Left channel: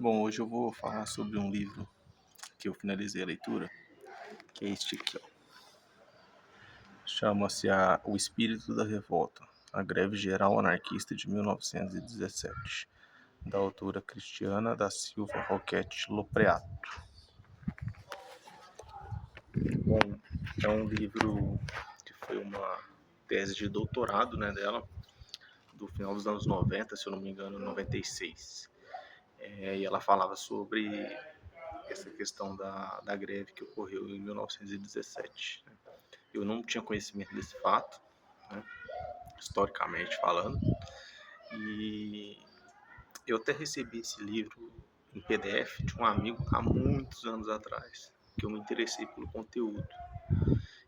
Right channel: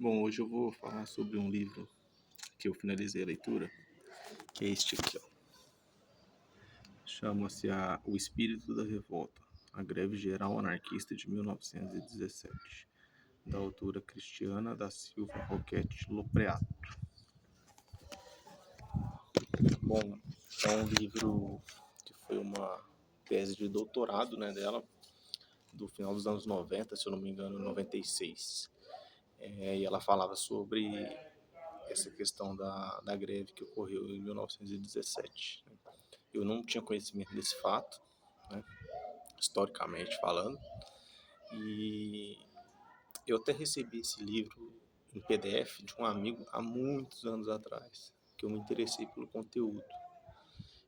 Bom, hoje eu vou falar sobre um livro que eu finalizei a leitura, que é este aqui, ó. Chama-se O Espírito da Revolta, a Greve Geral Anarquista de 1917, da autora Cristiana da Silva Roquette Lopreato. Bom, é um livro que foi uma tese de doutorado, né, dela, do final dos anos 90, se eu não me engano, 96. E ela falava sobre essa questão da greve que ocorreu em 1917. Eu não tinha conhecimento desse fato, né, historicamente falando, e eu até recebi esse livro em PDF de um amigo há muitos anos atrás, que eu me interessei pelo conteúdo,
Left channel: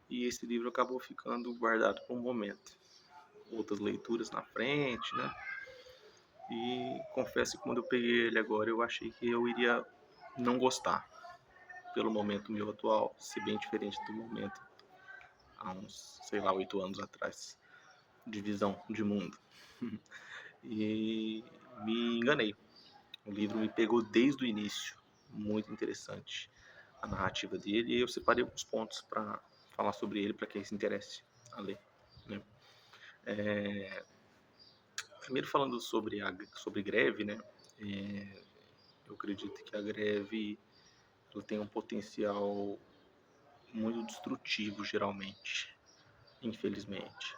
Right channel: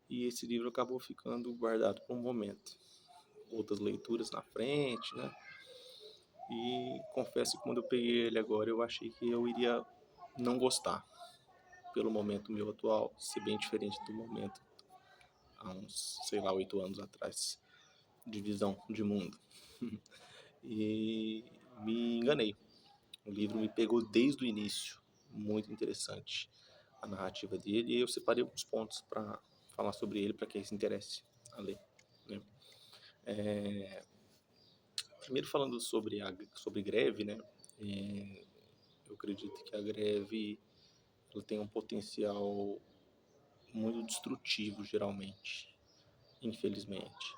e esse livro acabou ficando guardado por um momento. Outras leituras na frente, né? E confesso que quando eu peguei ele agora, eu achei que eu iria não gostar, pelo momento meu atual, ser bem diferente do momento há uns, sei lá, 8 anos atrás, de visão de mundo. E me enganei. O livro me pegou desde o início. Muito interessante a narrativa dele. E eu separei alguns pontos para falar sobre ele, para quem se interesse a ler, né? Primeiro falando sobre greve, né? Eu acredito que a greve ela tem um potencial muito destrutivo, geralmente, infelizmente.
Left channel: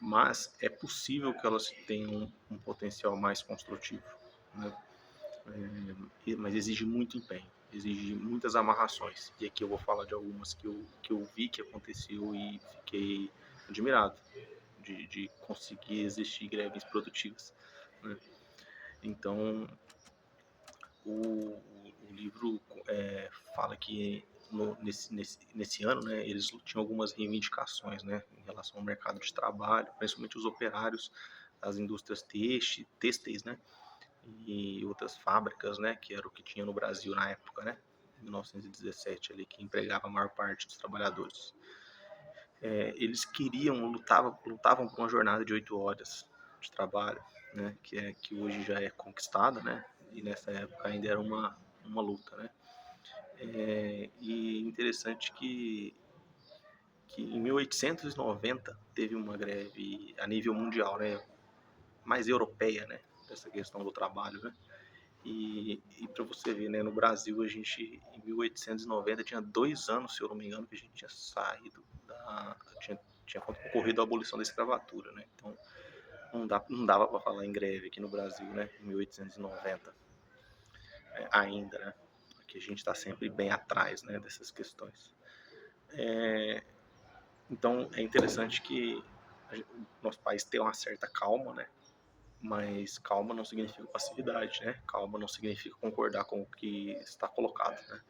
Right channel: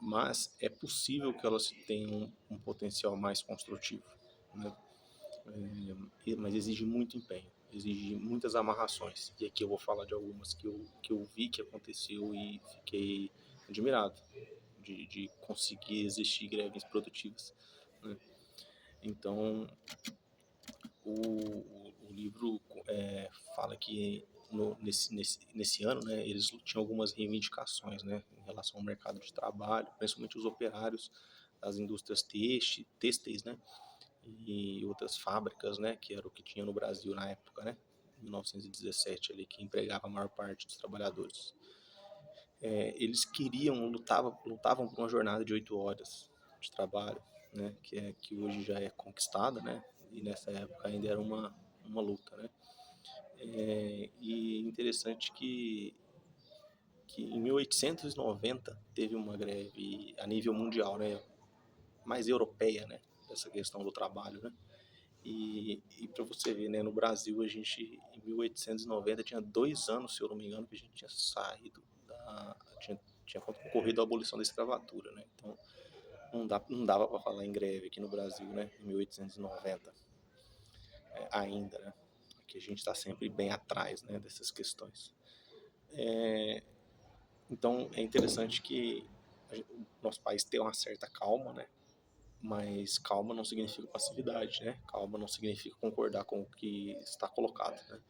Mas é possível que elas tenham um potencial mais construtivo, né? Mas exige muito empenho, exige muitas amarrações. E aqui eu vou falar de algumas que eu vi que aconteceu e fiquei admirado de conseguir existir greves produtivas, né? Então, o livro fala que nesse ano, né, eles tinham algumas reivindicações, né, em relação ao mercado de trabalho, principalmente os operários das indústrias têxteis, né, e outras fábricas, né, que era o que tinha no Brasil na época, né, 1917 ali, que empregava a maior parte dos trabalhadores. Eles lutavam por uma jornada de 8 horas de trabalho, né, que hoje já é conquistada, né, e nessa época ainda era uma luta, né. E interessante que em 1890 teve uma greve a nível mundial, né, mais europeia, né, dessa questão do trabalho, né. E para você ver, né, no Brasil a gente em 1890 tinha 2 anos, se eu não me engano, que a gente tinha saído tinha ocorrido a abolição da escravatura, né. Então não dava para falar em greve aqui no Brasil, né, em 1890, ainda, né, porque a gente está sempre bem atrás, né, dessas questões. Então é interessante que o nosso país tem uma certa calma, né? Mas calma não significa passividade, né? Calma não significa concordar com o que está colocado, né?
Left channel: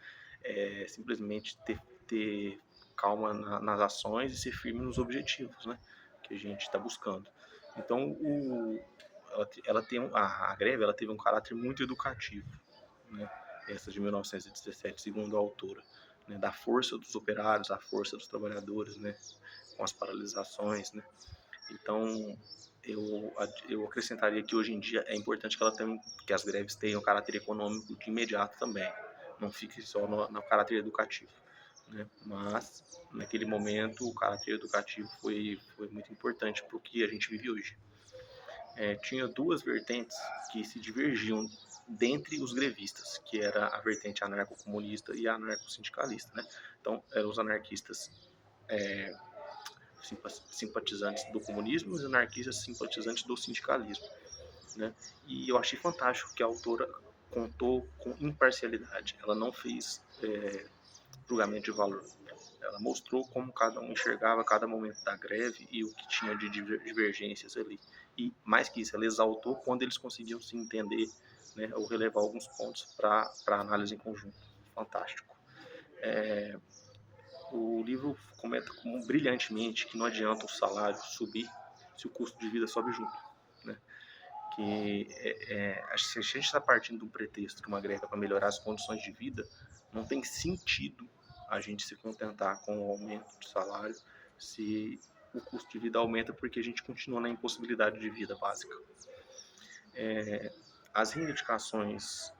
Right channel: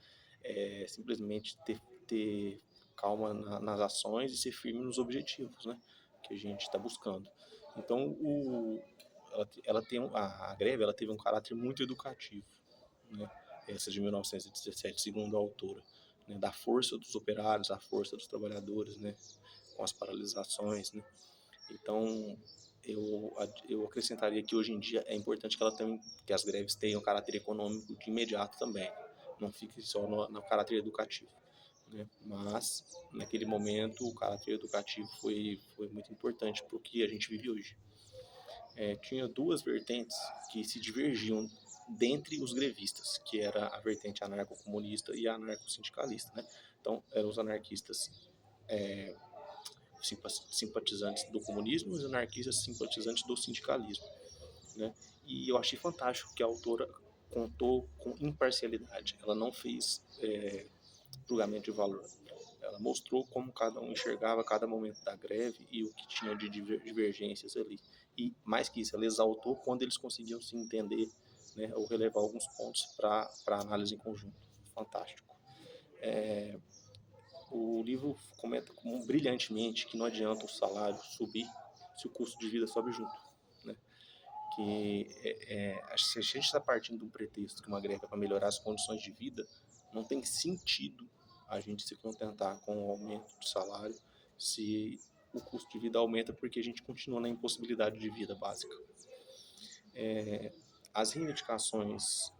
É simplesmente ter calma nas ações e ser firme nos objetivos, né? Que a gente está buscando. Então, ela tem a greve, ela teve um caráter muito educativo, né? Essa de 1917, segundo a autora, né? Da força dos operários, da força dos trabalhadores, né? Com as paralisações, né? Então, eu acrescentaria que hoje em dia é importante que as greves tenham caráter econômico de imediato também, não fique só no caráter educativo, né? Mas naquele momento o caráter educativo foi muito importante para o que a gente vive hoje. Tinha duas vertentes que se divergiam dentre os grevistas, que era a vertente anarcocomunista e a anarcossindicalista, né? Então, eram os anarquistas simpatizantes do comunismo e os anarquistas simpatizantes do sindicalismo, né? E eu achei fantástico que a autora contou com imparcialidade. Ela não fez julgamento de valor. Ela mostrou como cada um enxergava cada momento da greve e o que tinha de divergências ali. E mais que isso, ela exaltou quando eles conseguiam se entender, né, ou relevar alguns pontos para análise em conjunto. Fantástico. O livro comenta como brilhantemente que não adianta o salário subir se o custo de vida sobe junto, né? Que se a gente está partindo do pretexto que uma greve é para melhorar as condições de vida, não tem sentido a gente se contentar com o aumento do salário se o custo de vida aumenta porque a gente continua na impossibilidade de vida básica. as reivindicações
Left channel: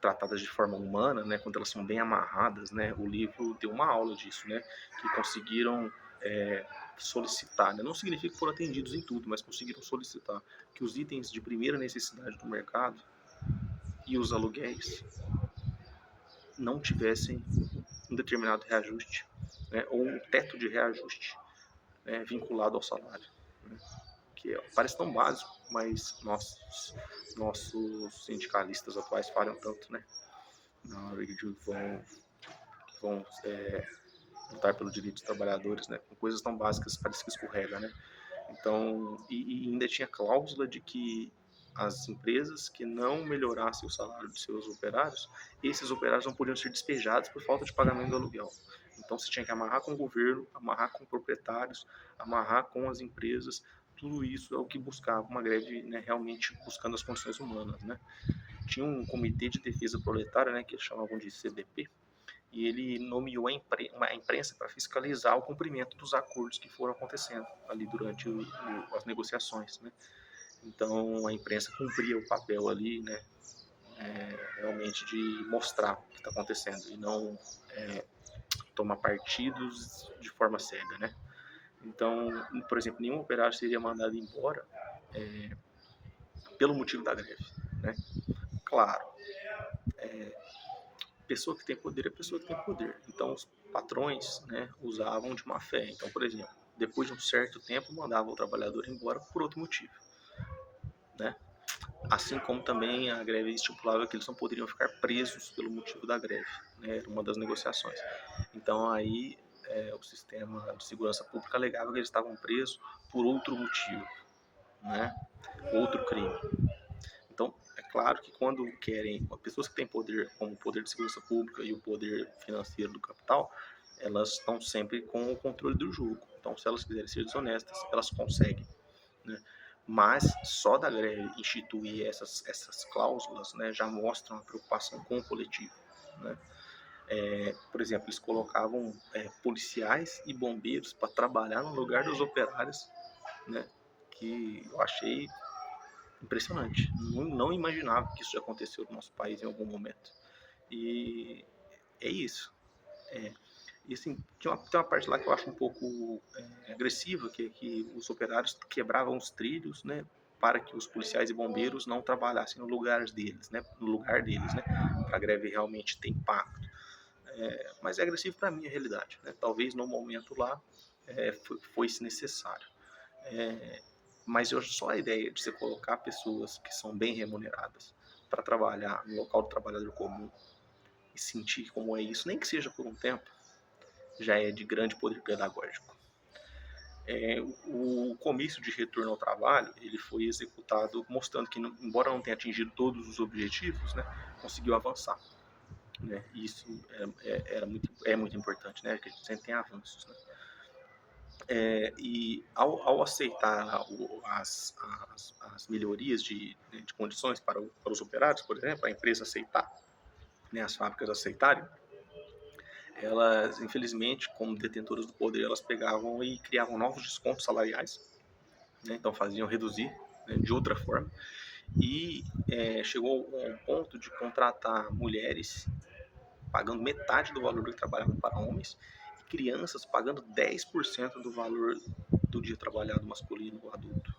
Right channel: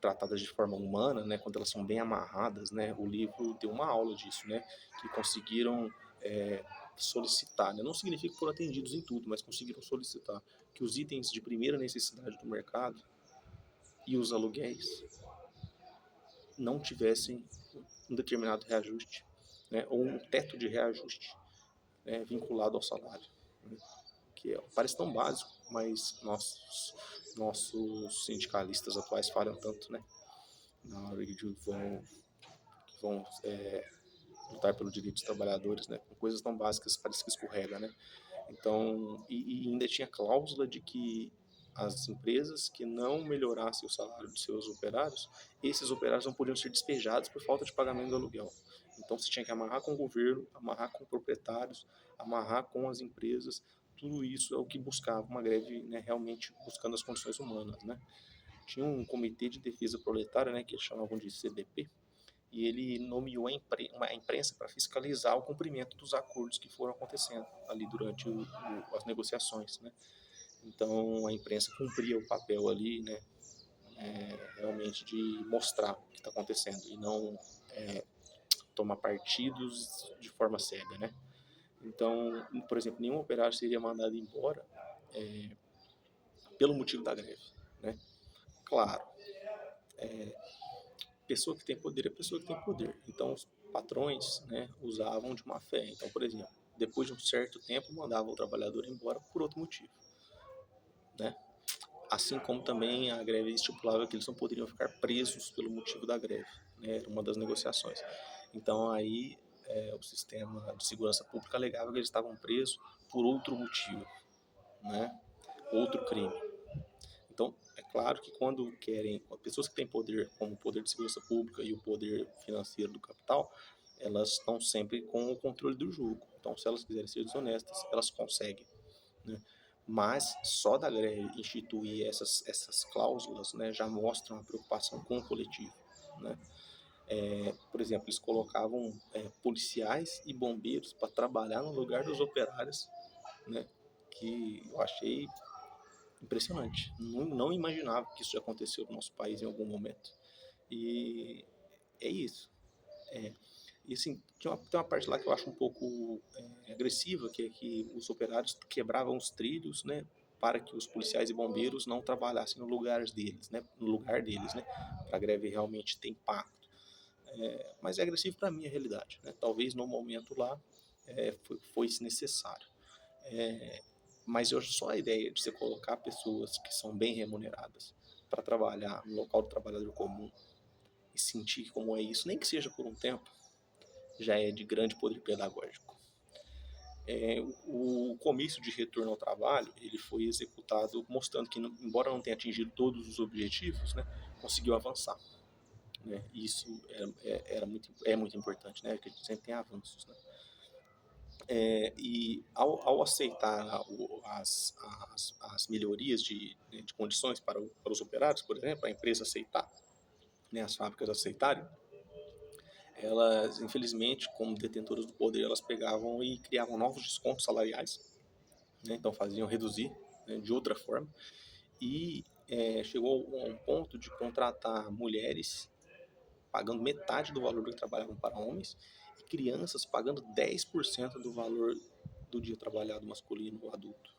tratadas de forma humana, né, quando elas são bem amarradas, né, o livro deu uma aula disso, né, que conseguiram solicitar, né, não significa que foram atendidos em tudo, mas conseguiram solicitar que os itens de primeira necessidade do mercado e os aluguéis não tivessem um determinado reajuste, né, ou um teto de reajuste, né, vinculado ao salário, né, que parece tão básico, mas nossos sindicalistas atuais falham tanto, né, na hora de vão lutar pelo direito dos trabalhadores, né, com coisas tão básicas, parece que escorrega, né. Então, e ainda tinha cláusula de que as empresas que não melhorassem o salário de seus operários, esses operários não podiam ser despejados por falta de pagamento do aluguel. Então, você tinha que amarrar com o governo, amarrar com proprietários, amarrar com as empresas. Tudo isso é o que buscava uma greve, né, realmente buscando as condições humanas, né. Tinha um comitê de defesa proletária, né, que eles chamavam de CDP, e ele nomeou a imprensa para fiscalizar o cumprimento dos acordos que foram acontecendo ali durante as negociações, né? Então a imprensa cumpria o papel ali, né? Realmente de mostrar o que está acontecendo e não tomar partidos de forma cega, né? Então, por exemplo, nenhum operário seria mandado embora pelo motivo da greve, né? Claro, pessoa que tem poder é pessoa que tem poder. Então, os patrões, né, usavam de má fé. Então, por exemplo, depois de um certo tempo, mandavam o trabalhador embora por outro motivo, né? Assim como também a greve estipulava que eles não poderiam ficar presos pelo motivo da greve, né? Era uma das negociações. Então, aí o sistema de segurança pública alegava que eles estavam presos por outro motivo, né? Outro crime. Então, é claro que quando querem, pessoas que têm poder, como o poder de segurança pública e o poder financeiro do capital, elas estão sempre com o controle do jogo. Então, se elas quiserem ser desonestas, elas conseguem, né? Mas só da greve instituir essas cláusulas, né, já mostra uma preocupação com o coletivo, né? Por exemplo, eles colocavam policiais e bombeiros para trabalhar no lugar dos operários, né? Que eu achei impressionante. Não imaginava que isso já aconteceu no nosso país em algum momento. E é isso. É. E assim, tem uma parte lá que eu acho um pouco agressiva, que é que os operários quebravam os trilhos, né, para que os policiais e bombeiros não trabalhassem no lugar deles, né, para a greve realmente ter impacto. Mas é agressivo para a minha realidade, né? Talvez no momento lá foi-se necessário. Mas só a ideia de você colocar pessoas que são bem remuneradas para trabalhar no local do trabalhador comum e sentir como é isso, nem que seja por um tempo, já é de grande poder pedagógico. O comício de retorno ao trabalho ele foi executado mostrando que, embora não tenha atingido todos os objetivos, né, conseguiu avançar. Né? Isso é muito importante, né? Que a gente sempre tem avanços. Né? E ao aceitar as melhorias de condições para os operários, por exemplo, a empresa aceitar, né, as fábricas aceitarem, elas, infelizmente, como detentoras do poder, elas pegavam e criavam novos descontos salariais, né, então faziam reduzir, né, de outra forma, e chegou a um ponto de contratar mulheres pagando metade do valor do que trabalhavam para homens, e crianças pagando 10% do valor do dia trabalhado masculino ou adulto,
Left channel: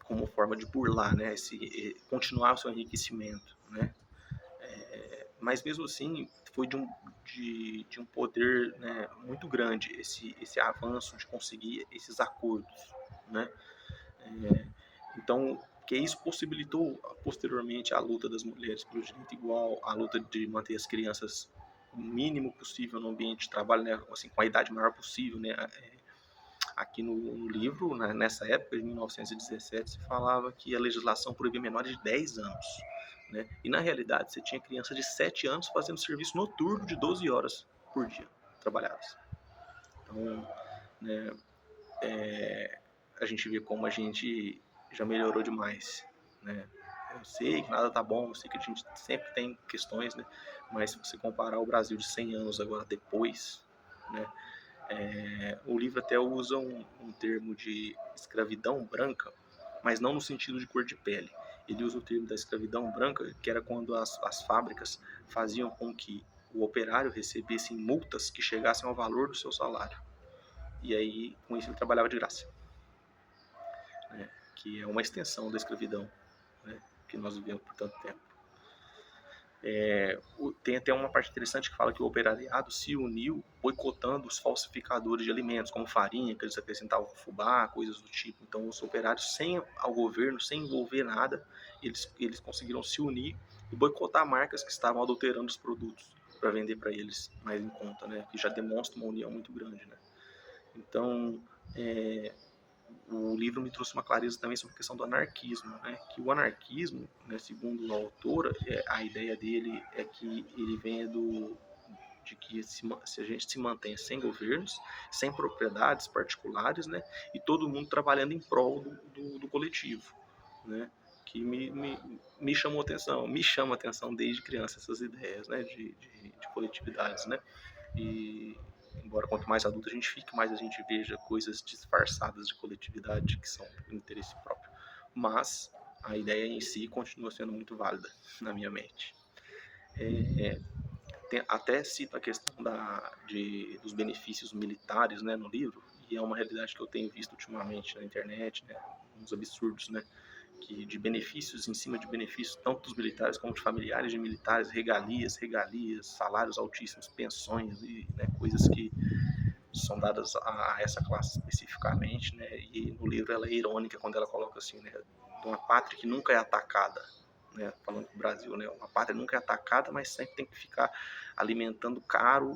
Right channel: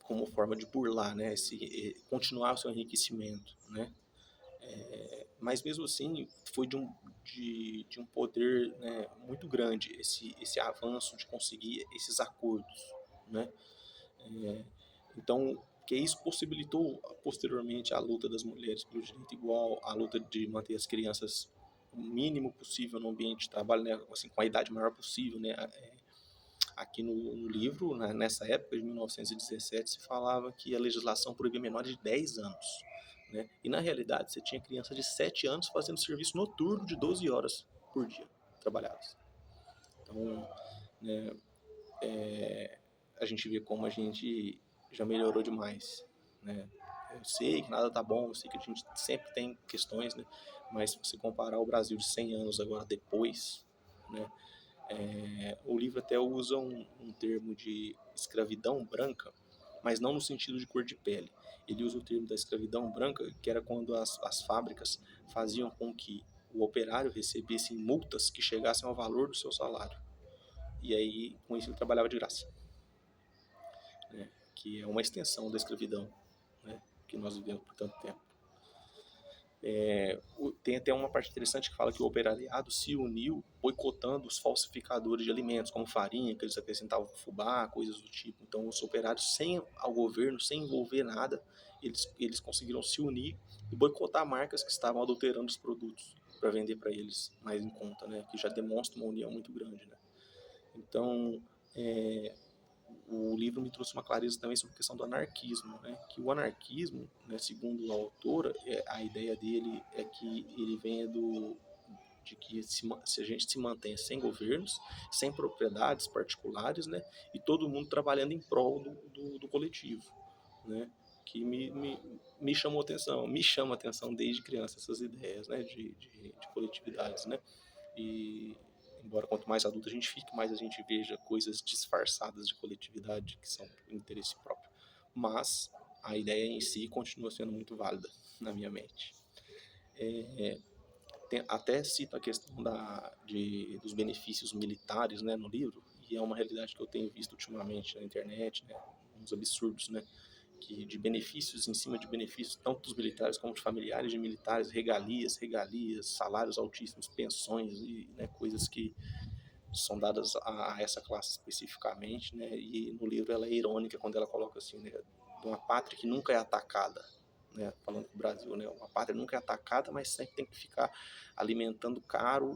como forma de burlar, né, continuar o seu enriquecimento, né? Mas mesmo assim foi de um poder, né, muito grande esse avanço de conseguir esses acordos, né? Então, que isso possibilitou posteriormente a luta das mulheres pelo direito igual, a luta de manter as crianças o mínimo possível no ambiente de trabalho, né, assim, com a idade maior possível, né? Aqui no livro, nessa época de 1917, se falava que a legislação proibia menores de 10 anos. Né? E na realidade, você tinha crianças de 7 anos fazendo serviço noturno de 12 horas por dia trabalhadas. Então, né, a gente vê como a gente já melhorou demais. Né? Eu sei que nada tá bom, eu sei que a gente sempre tem questões, né? Mas se você comparar o Brasil de 100 anos agora depois, né? O livro até usa um termo de escravidão branca, mas não no sentido de cor de pele. ele usa o termo da escravidão branca, que era quando as fábricas faziam com que o operário recebesse multas que chegassem ao valor do seu salário. E aí, com isso, ele trabalhava de graça, né? Que é uma extensão da escravidão, né? Que nós vivemos por tanto tempo. Tem até uma parte interessante que fala que o operariado se uniu boicotando os falsificadores de alimentos, como farinha, que eles acrescentavam fubá, coisas do tipo. Então, os operários, sem ao governo, sem envolver nada, eles conseguiram se unir e boicotar marcas que estavam adulterando os produtos para vender para eles mais em conta, né? Que já demonstra uma união muito grande, né? Então, o livro me trouxe uma clareza também sobre a questão do anarquismo, né? Que o anarquismo, né, segundo a autora, a ideia dele é que ele venha de que se a gente se mantenha sem governos, sem propriedades particulares, né? E todo mundo trabalhando em prol do coletivo, né? Que me chamou atenção, me chama atenção desde criança essas ideias, né? De coletividades, né? E embora quanto mais adulto a gente fique, mais a gente veja coisas disfarçadas de coletividade que são por interesse próprio. Mas a ideia em si continua sendo muito válida na minha mente. Até cito a questão dos benefícios militares, né, no livro, e é uma realidade que eu tenho visto ultimamente na internet, né, uns absurdos, né, que de benefícios em cima de benefícios, tanto dos militares como de familiares de militares, regalias, salários altíssimos, pensões e, né, coisas que são dadas a essa classe especificamente, né? E no livro ela é irônica quando ela coloca assim, né? De uma pátria que nunca é atacada, né? Falando do Brasil, né? Uma pátria nunca é atacada, mas sempre tem que ficar alimentando caro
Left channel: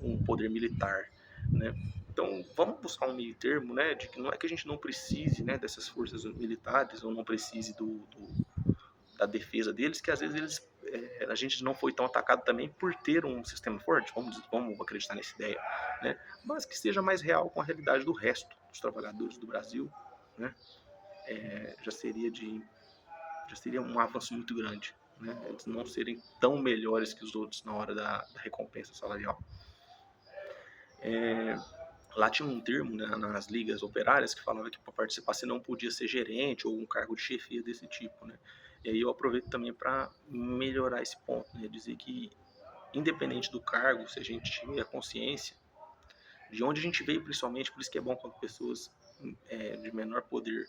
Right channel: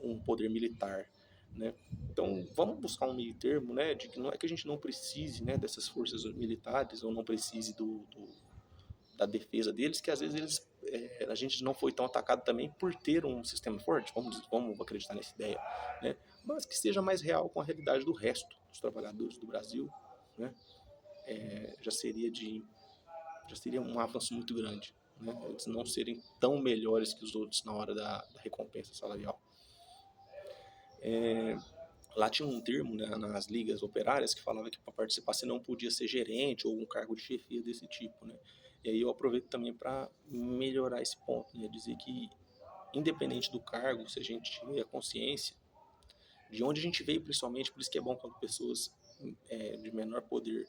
um poder militar, né? Então vamos buscar um meio termo, né? De que não é que a gente não precise, né? Dessas forças militares ou não precise da defesa deles, que às vezes a gente não foi tão atacado também por ter um sistema forte, vamos acreditar nessa ideia, né? Mas que seja mais real com a realidade do resto dos trabalhadores do Brasil, né? Já seria um avanço muito grande, né? Eles não serem tão melhores que os outros na hora da recompensa salarial. Lá tinha um termo, né, nas ligas operárias que falava que para participar você não podia ser gerente ou um cargo de chefia desse tipo, né? E aí eu aproveito também para melhorar esse ponto, né? Dizer que independente do cargo, se a gente tiver a consciência de onde a gente veio, principalmente, por isso que é bom quando pessoas de menor poder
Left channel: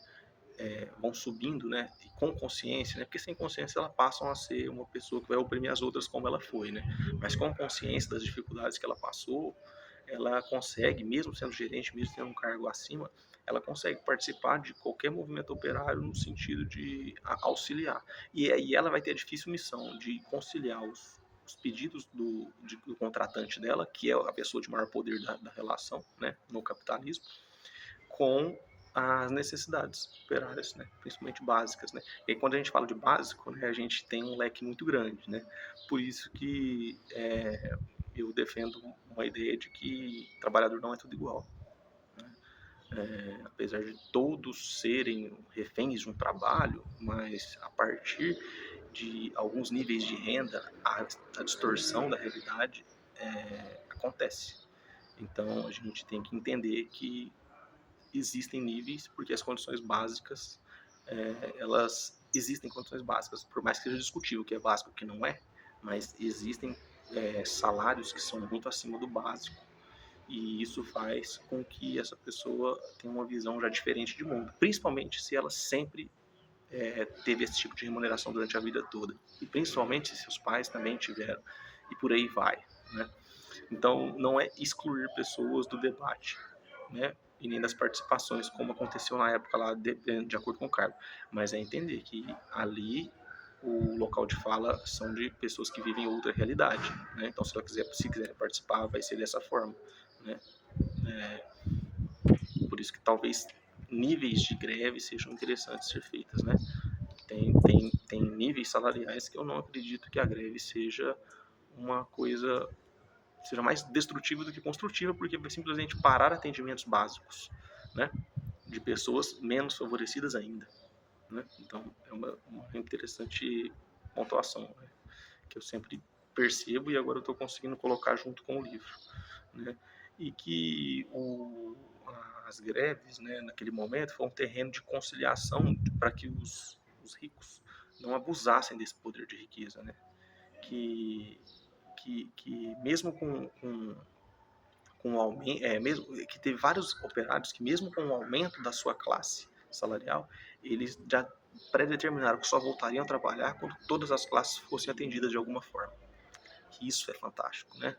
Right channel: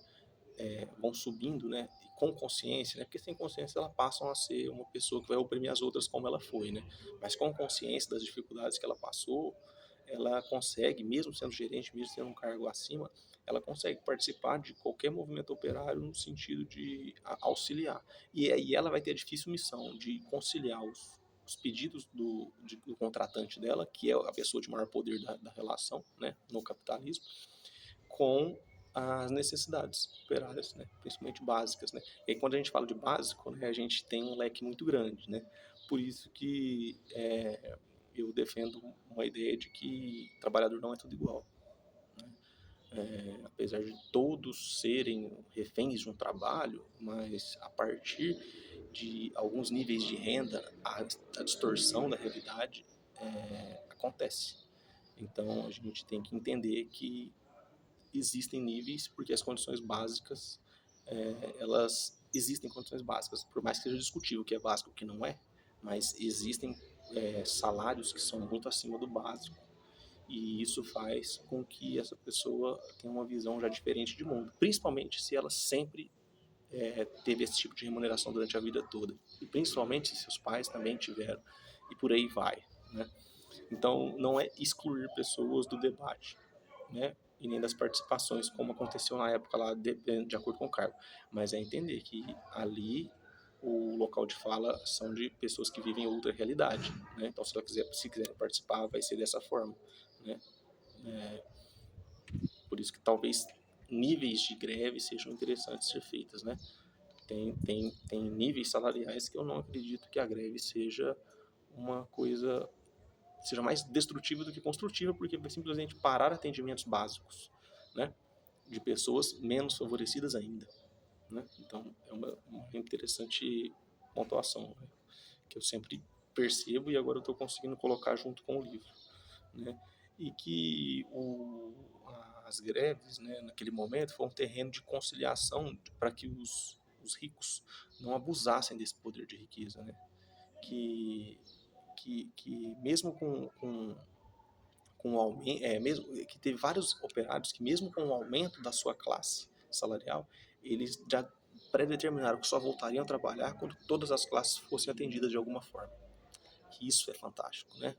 vão subindo, né, e com consciência, né, porque sem consciência elas passam a ser uma pessoa que vai oprimir as outras como ela foi, né, mas com consciência das dificuldades que ela passou, ela consegue, mesmo sendo gerente, mesmo tendo um cargo acima, ela consegue participar de qualquer movimento operário no sentido de auxiliar. E aí ela vai ter a difícil missão de conciliar os pedidos do contratante dela, que é a pessoa de maior poder da relação, né, no capitalismo, com as necessidades operárias, né, principalmente básicas, né. E aí, quando a gente fala de básico, né, a gente tem um leque muito grande, né. Por isso que eu defendo uma ideia de que trabalhador não é tudo igual, né. Apesar de todos serem reféns de um trabalho, mas a partir de alguns níveis de renda, a distorção da realidade acontece. Então a gente tem que entender que existem níveis, porque as condições básicas, elas existem condições básicas, por mais que seja discutível o que é básico e o que não é, mas existem salários que são muito acima do básico, e isso faz com que essa pessoa tenha uma visão já diferente de mundo, principalmente se ela sempre teve esse tipo de remuneração durante a vida toda, e principalmente se seus pais também tiveram, e por aí vai, né? Então, não é excluir pessoas do debate, né? E nem das participações, como aconteceu na época lá, de acordo com o cargo. Mas é entender que ali o local de fala são de pessoas que vivem outra realidade, né? Então, se quiser participar, vai ser dessa forma, né? Por isso que talvez níveis de greve sejam interessantes ser feitas, né? Tem níveis salariais que eu não acredito que a greve seja uma coisa seja mais destrutiva do que construtiva, porque vai simplesmente parar atendimentos básicos, né, de pessoas menos favorecidas ainda, né? Então é uma interessante pontuação, né, que eu sempre percebo e agora eu estou conseguindo colocar junto com o livro, né? E que as greves, né, naquele momento foi um terreno de conciliação para que os ricos não abusassem desse poder de riqueza, né? Que, que mesmo com o aumento, mesmo que teve vários operários que mesmo com o aumento da sua classe salarial, eles já predeterminaram que só voltariam a trabalhar quando todas as classes fossem atendidas de alguma forma. Que isso é fantástico, né?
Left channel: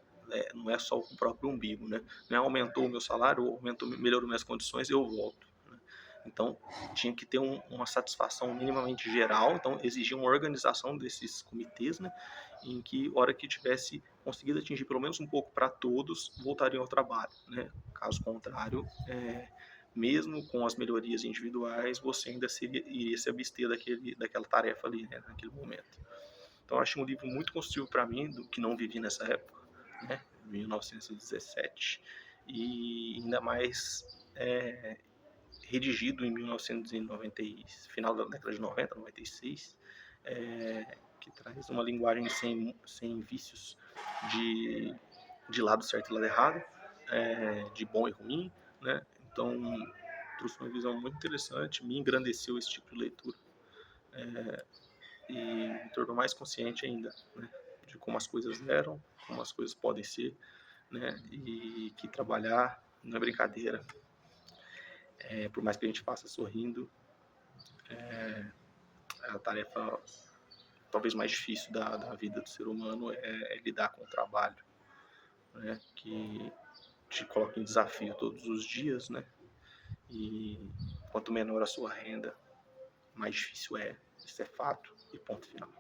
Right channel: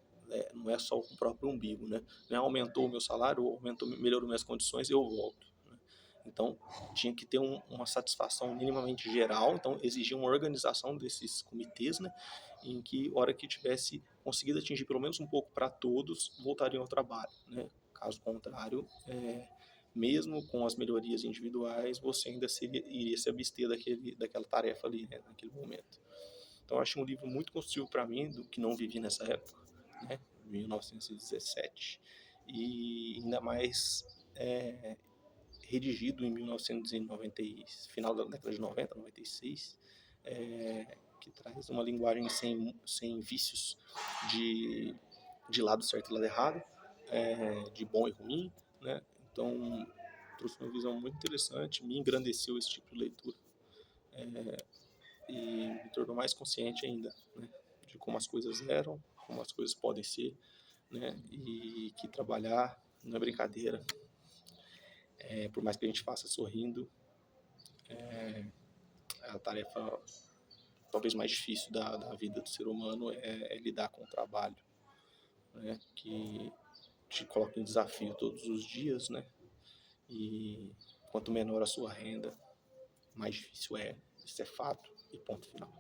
Não é só o próprio umbigo, né? Não é aumentou o meu salário, aumentou, melhorou minhas condições, eu volto. Né? Então, tinha que ter uma satisfação minimamente geral, então exigia uma organização desses comitês, né? Em que, hora que tivesse conseguido atingir pelo menos um pouco para todos, voltariam ao trabalho, né? Caso contrário, mesmo com as melhorias individuais, você ainda iria se abster daquela tarefa ali, né? Naquele momento. Então, eu achei um livro muito construtivo para mim, do que não vivi nessa época, né? 1917, e ainda mais redigido em 1990, final da década de 90, 96, que traz uma linguagem sem vícios de, de lado certo e lado errado, de bom e ruim, né? Então, trouxe uma visão muito interessante, me engrandeceu esse tipo de leitura e me tornou mais consciente ainda, né? De como as coisas eram, como as coisas podem ser, né? E que trabalhar não é brincadeira. Por mais que a gente faça sorrindo, a tarefa talvez mais difícil da vida do ser humano é lidar com o trabalho, né? Que te coloca em desafio todos os dias, né? E quanto menor a sua renda, mais difícil é. Isso é fato e ponto final.